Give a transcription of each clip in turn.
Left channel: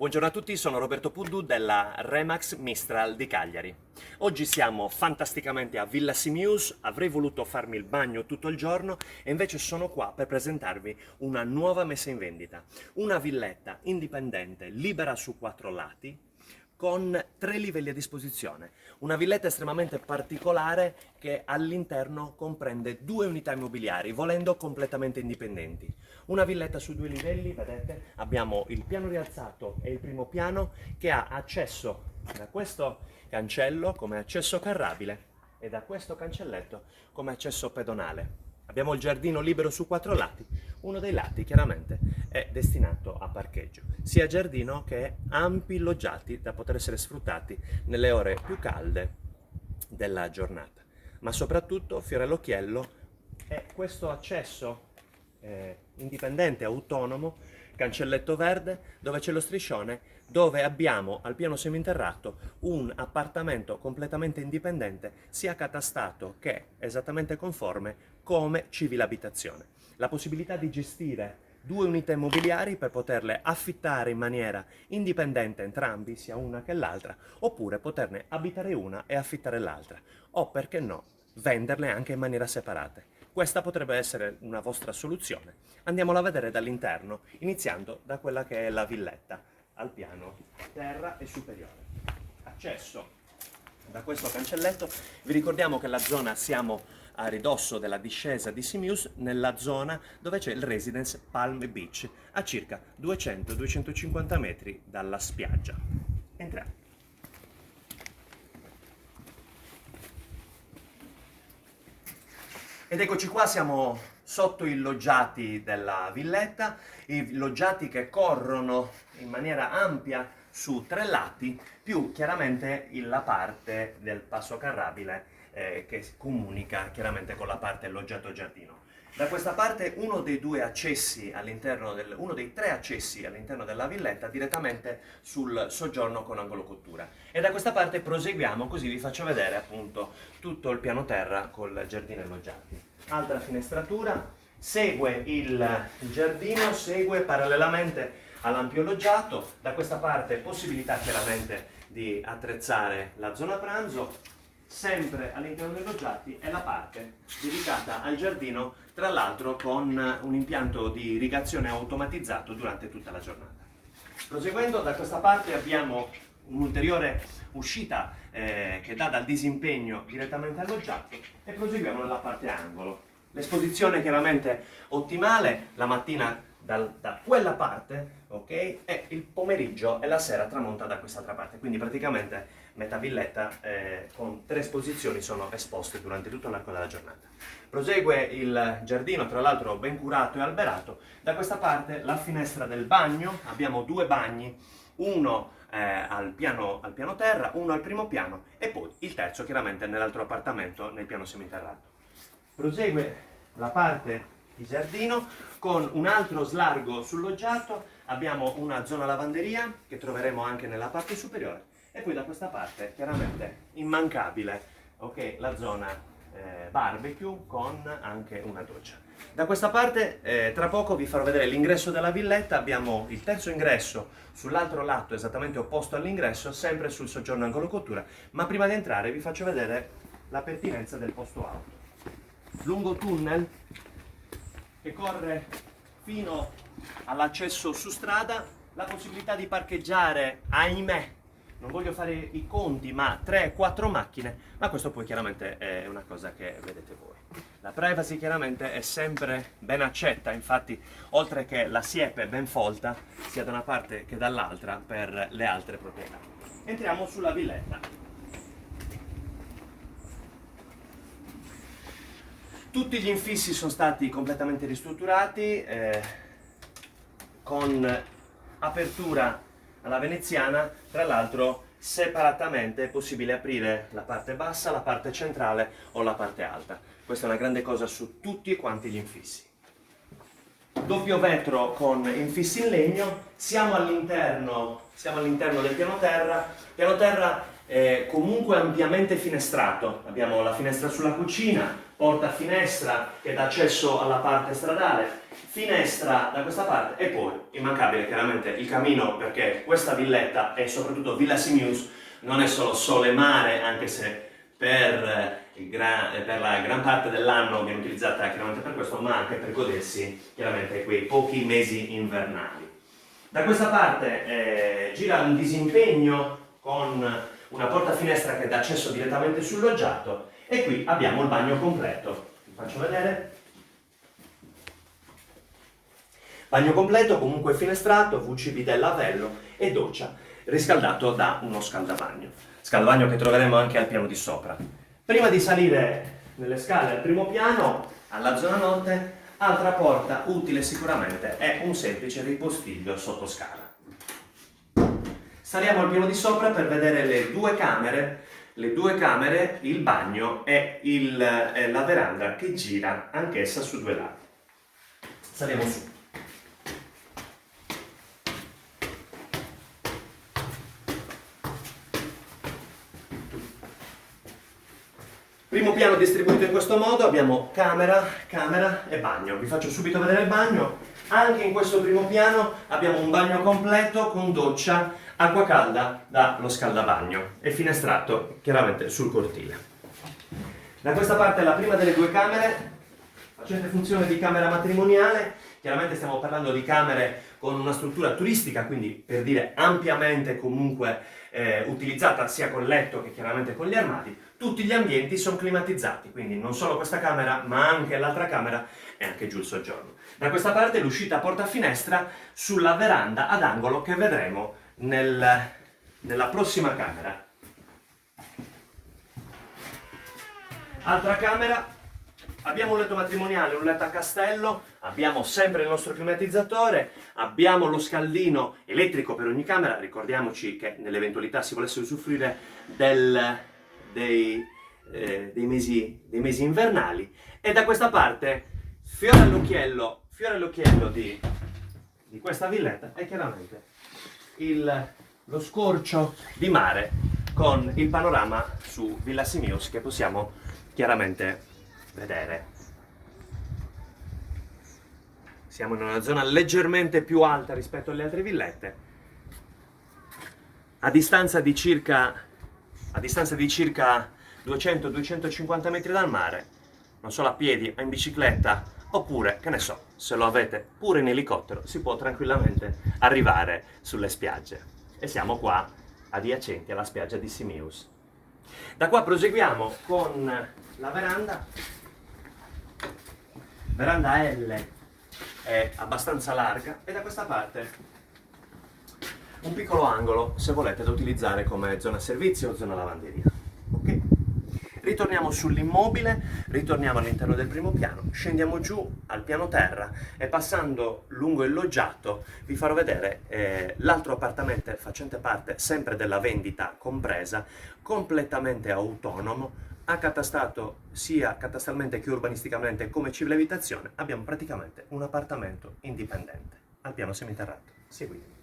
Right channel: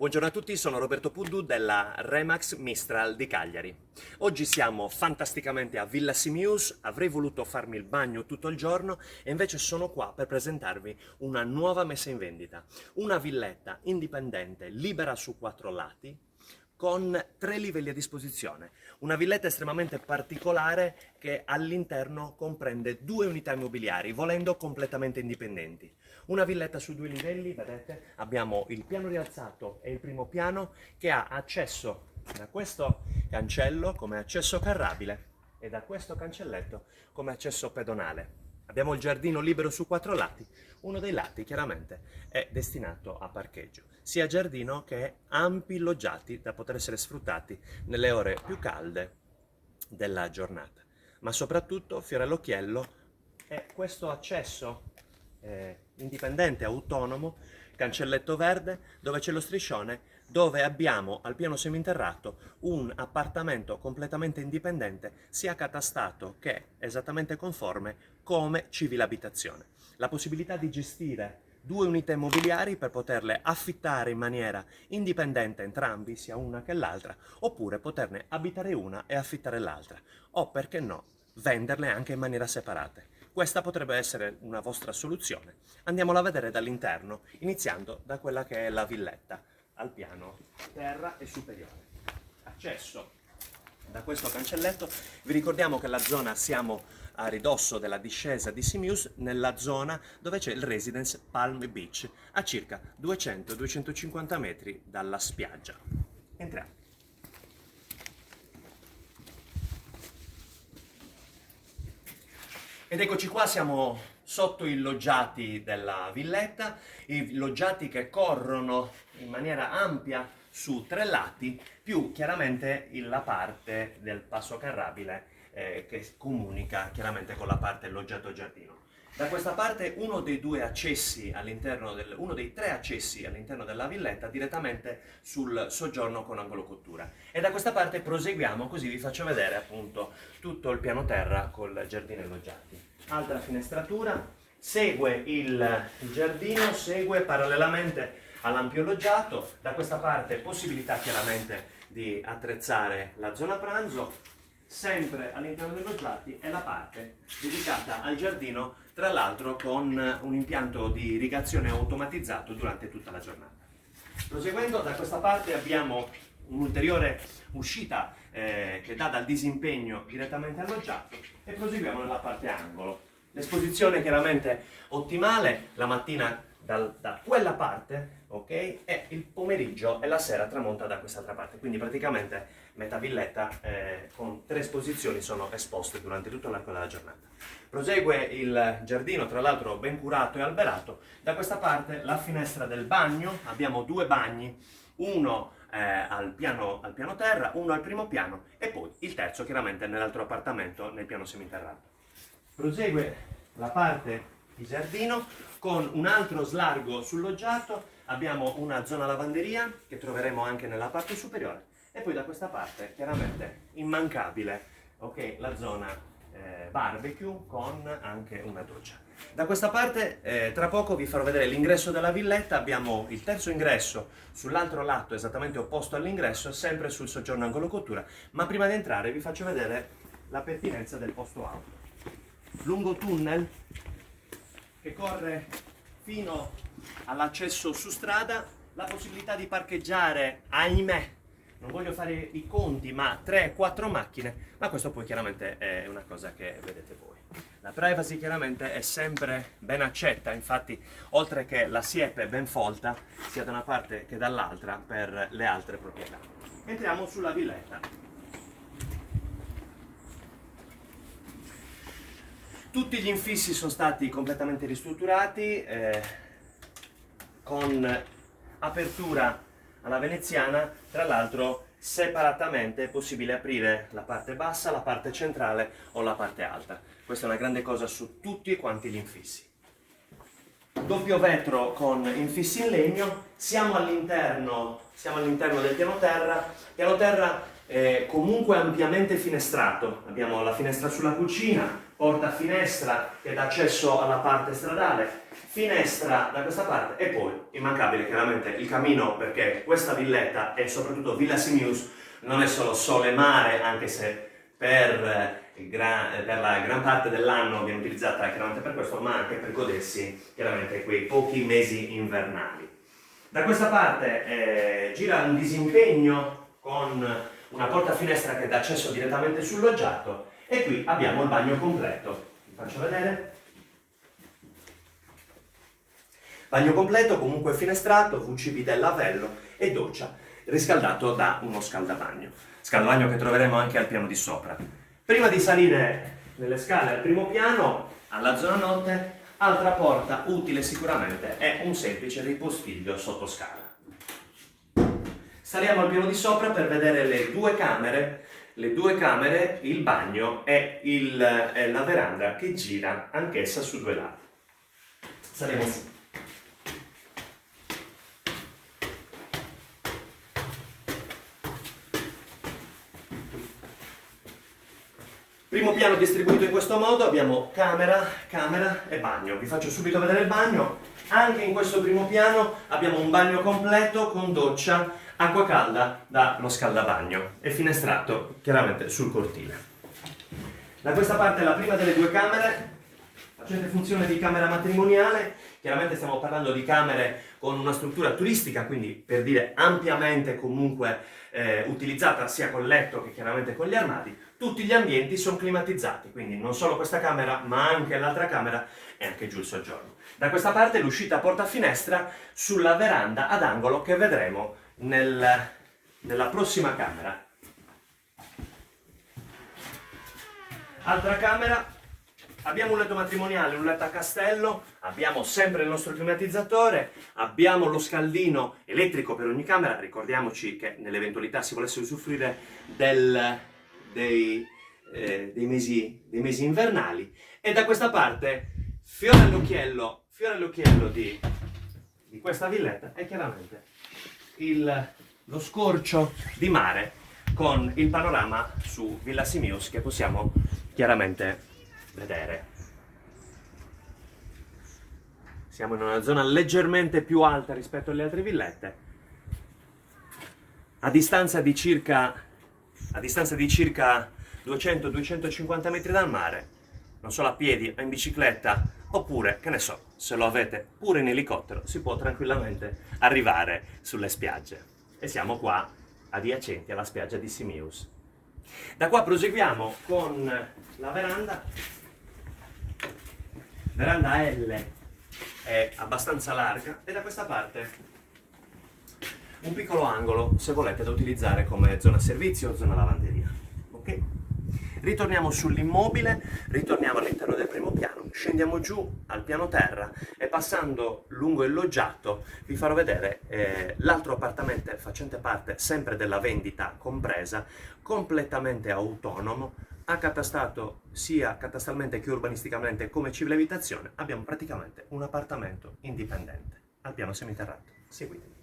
Buongiorno a tutti, sono Roberto Puddu della Remax Mistral di Cagliari. Oggi siamo fantasticamente a Villa Simius, avrei voluto farmi il bagno tutto il giorno e invece sono qua per presentarvi una nuova messa in vendita. Una villetta indipendente, libera su 4 lati, con 3 livelli a disposizione. Una villetta estremamente particolare che all'interno comprende 2 unità immobiliari, volendo completamente indipendenti. Una villetta su 2 livelli, vedete, abbiamo il piano rialzato e il primo piano che ha accesso da questo cancello come accesso carrabile e da questo cancelletto come accesso pedonale. Abbiamo il giardino libero su 4 lati, uno dei lati chiaramente è destinato a parcheggio, sia giardino che ampi loggiati da poter essere sfruttati nelle ore più calde della giornata. Ma soprattutto, fiore all'occhiello, è questo accesso indipendente, autonomo, cancelletto verde, dove c'è lo striscione, dove abbiamo al piano seminterrato un appartamento completamente indipendente, sia catastato che esattamente conforme come civile abitazione. La possibilità di gestire 2 unità immobiliari per poterle affittare in maniera indipendente entrambi, sia una che l'altra, oppure poterne abitare una e affittare l'altra, o perché no, venderle anche in maniera separata. Questa potrebbe essere una vostra soluzione. Andiamola a vedere dall'interno, iniziando da quella che è la villetta, al piano terra e superiore. Accesso da questo cancelletto. Vi ricordiamo che la zona, siamo a ridosso della discesa di Simius, nella zona dove c'è il Residence Palm Beach, a circa 200-250 metri dalla spiaggia. Entriamo. Ed eccoci qua, siamo sotto i loggiati della villetta, i loggiati che corrono in maniera ampia su 3 lati, più chiaramente la parte del passo carrabile che comunica chiaramente con la parte loggiato giardino. Da questa parte uno dei 3 accessi all'interno della villetta direttamente sul soggiorno con angolo cottura. E da questa parte proseguiamo, così vi faccio vedere appunto tutto il piano terra col giardino e loggiati. Altra finestratura, segue il giardino, segue parallelamente all'ampio loggiato. Da questa parte possibilità chiaramente di attrezzare la zona pranzo. Sempre all'interno dei loggiati è la parte dedicata al giardino, tra l'altro con un impianto di irrigazione automatizzato durante tutta la giornata. Proseguendo, da questa parte abbiamo un'ulteriore uscita che dà dal disimpegno direttamente al loggiato e proseguiamo nella parte angolo. L'esposizione chiaramente ottimale la mattina da quella parte, ok? E il pomeriggio e la sera tramonta da quest'altra parte, quindi praticamente metà villetta con 3 esposizioni sono esposte durante tutto l'arco della giornata. Prosegue il giardino, tra l'altro ben curato e alberato. Da questa parte la finestra del bagno, abbiamo 2 bagni, uno al piano terra, uno al primo piano e poi il terzo chiaramente nell'altro appartamento nel piano seminterrato. Prosegue la parte di giardino con un altro slargo sul loggiato, abbiamo una zona lavanderia che troveremo anche nella parte superiore e poi da questa parte chiaramente immancabile, ok, la zona barbecue con anche una doccia. Da questa parte tra poco vi farò vedere l'ingresso della villetta, abbiamo il terzo ingresso sull'altro lato esattamente opposto all'ingresso, sempre sul soggiorno angolo cottura, ma prima di entrare vi faccio vedere la pertinenza del posto auto. Lungo tunnel che corre fino all'accesso su strada, la possibilità di parcheggiare, ahimè, non voglio fare i conti, ma 3-4 macchine, ma questo poi chiaramente è una cosa che vedete voi. La privacy chiaramente è sempre ben accetta, infatti oltre che la siepe ben folta, sia da una parte che dall'altra per le altre proprietà. Entriamo sulla villetta. Tutti gli infissi sono stati completamente ristrutturati con apertura alla veneziana, tra l'altro separatamente è possibile aprire la parte bassa, la parte centrale o la parte alta. Questa è una grande cosa su tutti quanti gli infissi. Doppio vetro con infissi in legno, siamo all'interno del piano terra comunque ampiamente finestrato. Abbiamo la finestra sulla cucina, porta finestra che dà accesso alla parte stradale, finestra da questa parte e poi immancabile chiaramente il camino, perché questa villetta e soprattutto Villa Simius non è solo sole e mare, anche se per la gran parte dell'anno viene utilizzata chiaramente per questo, ma anche per godersi chiaramente quei pochi mesi invernali. Da questa parte gira un disimpegno con una porta finestra che dà accesso direttamente sul loggiato e qui abbiamo il bagno completo. Vi faccio vedere. Bagno completo, comunque finestrato, WC bidet lavello e doccia, riscaldato da uno scaldabagno. Scaldabagno che troveremo anche al piano di sopra. Prima di salire nelle scale al primo piano, alla zona notte, altra porta utile sicuramente è un semplice ripostiglio sotto scala. Saliamo al piano di sopra per vedere le due camere, il bagno e la veranda che gira anch'essa su due lati. Saliamo su. Primo piano distribuito in questo modo, abbiamo camera e bagno. Vi faccio subito vedere il bagno. Anche in questo primo piano abbiamo un bagno completo con doccia, acqua calda dallo scaldabagno e finestrato chiaramente sul cortile. Da questa parte la prima delle due camere, facente funzione di camera matrimoniale. Chiaramente stiamo parlando di camere con una struttura turistica, quindi per dire ampiamente comunque utilizzata sia col letto che chiaramente con gli armadi. Tutti gli ambienti sono climatizzati, quindi non solo questa camera ma anche l'altra camera e anche giù il soggiorno. Da questa parte l'uscita porta finestra sulla veranda ad angolo che vedremo nella prossima camera. Altra camera. Abbiamo un letto matrimoniale, un letto a castello, abbiamo sempre il nostro climatizzatore, abbiamo lo scaldino elettrico per ogni camera. Ricordiamoci che nell'eventualità si volesse usufruire dei mesi invernali. E da questa parte, fiore all'occhiello di questa villetta è chiaramente lo scorcio di mare con il panorama su Villa Simius che possiamo chiaramente vedere. Siamo in una zona leggermente più alta rispetto alle altre villette, a distanza di circa 200-250 metri dal mare, non solo a piedi o in bicicletta, oppure, che ne so, se lo avete pure in elicottero, si può tranquillamente arrivare sulle spiagge. E siamo qua adiacenti alla spiaggia di Simius. Da qua proseguiamo con la veranda L è abbastanza larga e da questa parte un piccolo angolo, se volete, da utilizzare come zona servizio o zona lavanderia. Ok? Ritorniamo sull'immobile, ritorniamo all'interno del primo piano, scendiamo giù al piano terra e passando lungo il loggiato vi farò vedere l'altro appartamento facente parte sempre della vendita compresa, completamente autonomo, accatastato sia catastralmente che urbanisticamente come civile abitazione. Abbiamo praticamente un appartamento indipendente al piano seminterrato. Seguitemi.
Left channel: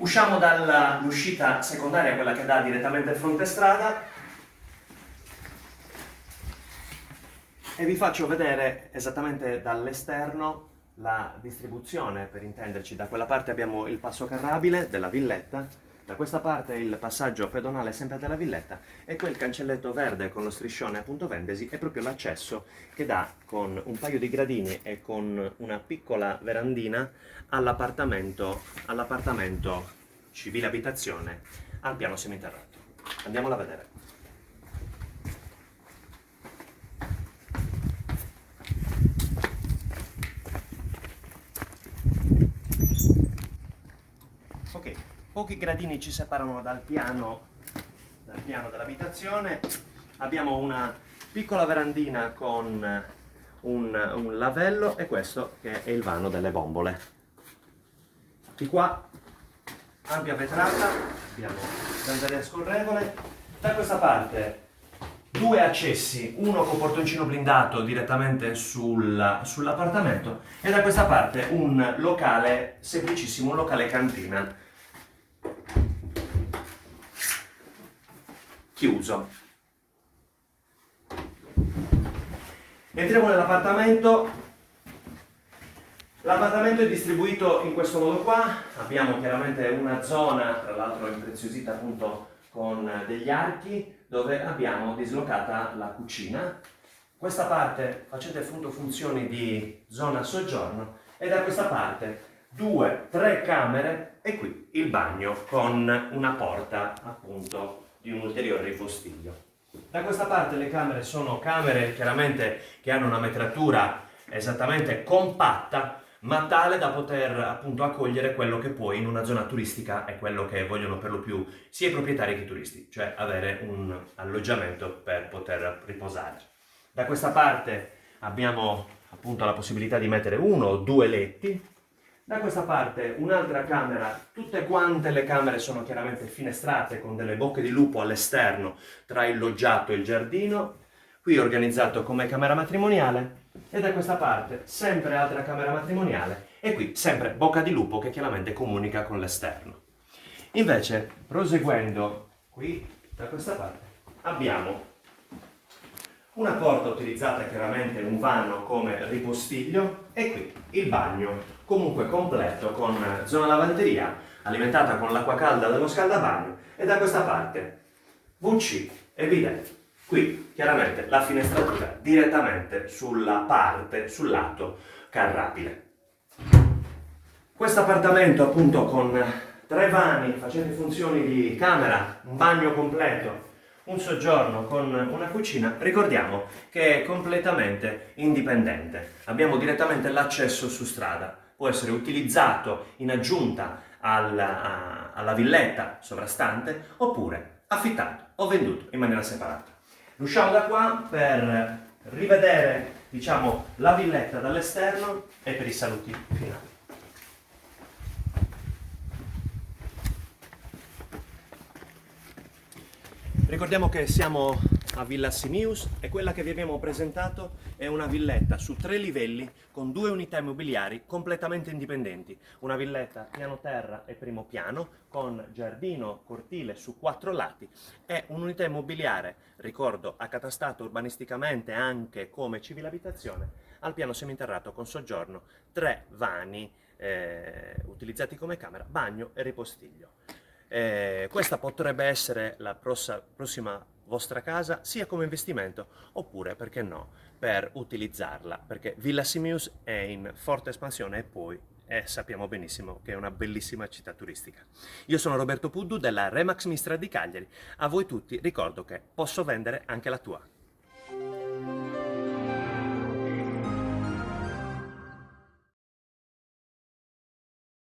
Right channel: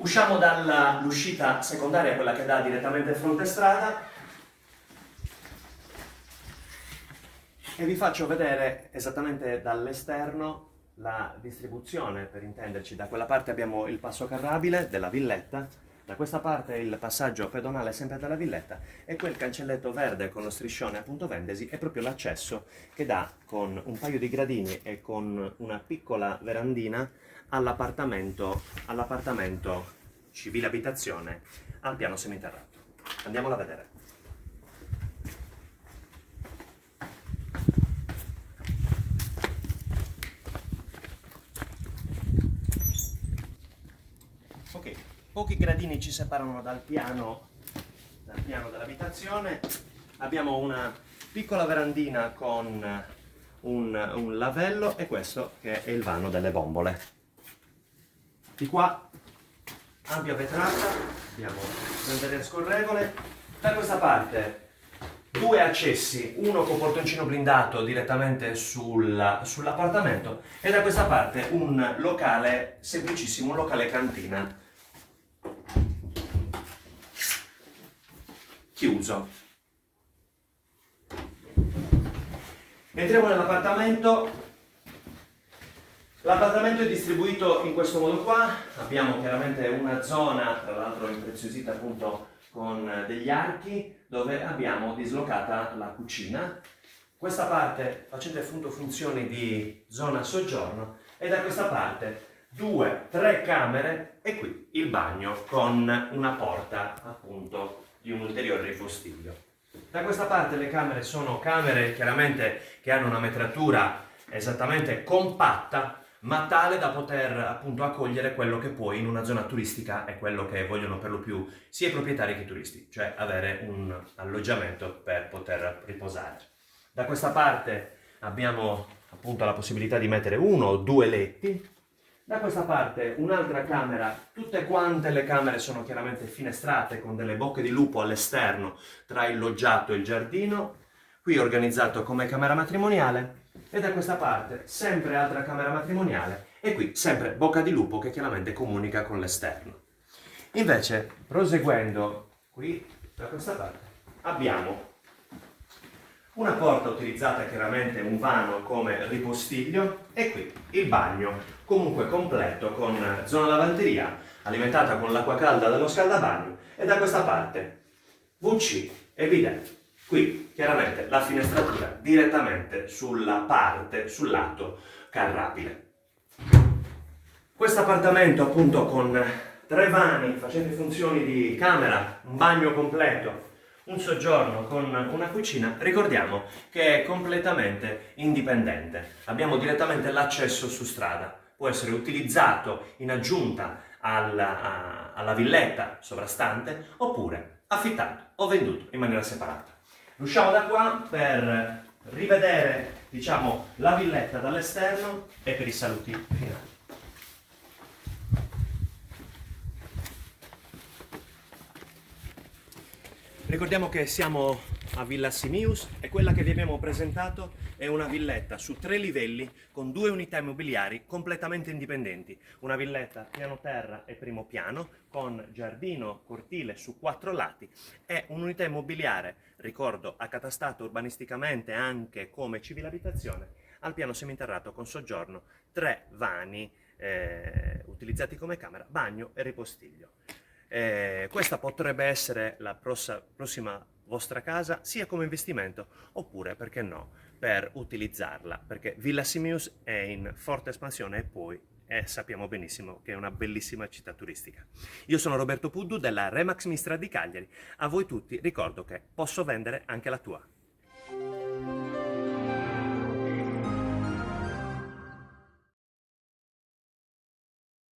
Usciamo dall'uscita secondaria, quella che dà direttamente fronte strada, e vi faccio vedere esattamente dall'esterno la distribuzione, per intenderci. Da quella parte abbiamo il passo carrabile della villetta, da questa parte il passaggio pedonale sempre della villetta e quel cancelletto verde con lo striscione appunto Vendesi è proprio l'accesso che dà con un paio di gradini e con una piccola verandina all'appartamento civile abitazione al piano seminterrato. Andiamola a vedere. Ok, pochi gradini ci separano dal piano dell'abitazione. Abbiamo una piccola verandina con un lavello e questo che è il vano delle bombole. Di qua ampia vetrata, abbiamo bandiera scorrevole. Da questa parte due accessi, uno con portoncino blindato direttamente sull'appartamento e da questa parte un locale semplicissimo, un locale cantina chiuso. Entriamo nell'appartamento. L'appartamento è distribuito in questo modo qua, abbiamo chiaramente una zona, tra l'altro impreziosita appunto con degli archi, dove abbiamo dislocata la cucina. Questa parte facete appunto funzioni di zona soggiorno e da questa parte 2-3 camere e qui il bagno con una porta appunto di un ulteriore ripostiglio. Da questa parte le camere sono camere chiaramente che hanno una metratura esattamente compatta, ma tale da poter appunto accogliere quello che poi in una zona turistica è quello che vogliono per lo più sia i proprietari che i turisti, cioè avere un alloggiamento per poter riposare. Da questa parte abbiamo appunto la possibilità di mettere 1 o 2 letti. Da questa parte un'altra camera, tutte quante le camere sono chiaramente finestrate con delle bocche di lupo all'esterno tra il loggiato e il giardino, qui organizzato come camera matrimoniale e da questa parte sempre altra camera matrimoniale e qui sempre bocca di lupo che chiaramente comunica con l'esterno. Invece proseguendo qui da questa parte abbiamo una porta utilizzata chiaramente un vano come ripostiglio e qui il bagno comunque completo con zona lavanderia alimentata con l'acqua calda dello scaldabagno e da questa parte WC e bidet. Qui chiaramente la finestratura direttamente sulla parte, sul lato carrabile. Questo appartamento appunto con 3 vani facenti funzioni di camera, un bagno completo, un soggiorno con una cucina, ricordiamo che è completamente indipendente. Abbiamo direttamente l'accesso su strada, può essere utilizzato in aggiunta alla villetta sovrastante oppure affittato o venduto in maniera separata. Usciamo da qua per rivedere, diciamo, la villetta dall'esterno e per i saluti finali. Ricordiamo che siamo a Villa Simius e quella che vi abbiamo presentato è una villetta su 3 livelli con 2 unità immobiliari completamente indipendenti. Una villetta piano terra e primo piano con giardino, cortile su 4 lati e un'unità immobiliare, ricordo, accatastata urbanisticamente anche come civile abitazione, al piano seminterrato con soggiorno, 3 vani utilizzati come camera, bagno e ripostiglio. Questa potrebbe essere la prossima vostra casa sia come investimento oppure, perché no, per utilizzarla, perché Villa Simius è in forte espansione e poi sappiamo benissimo che è una bellissima città turistica. Io sono Roberto Puddu della Remax Mistra di Cagliari. A voi tutti ricordo che posso vendere anche la tua.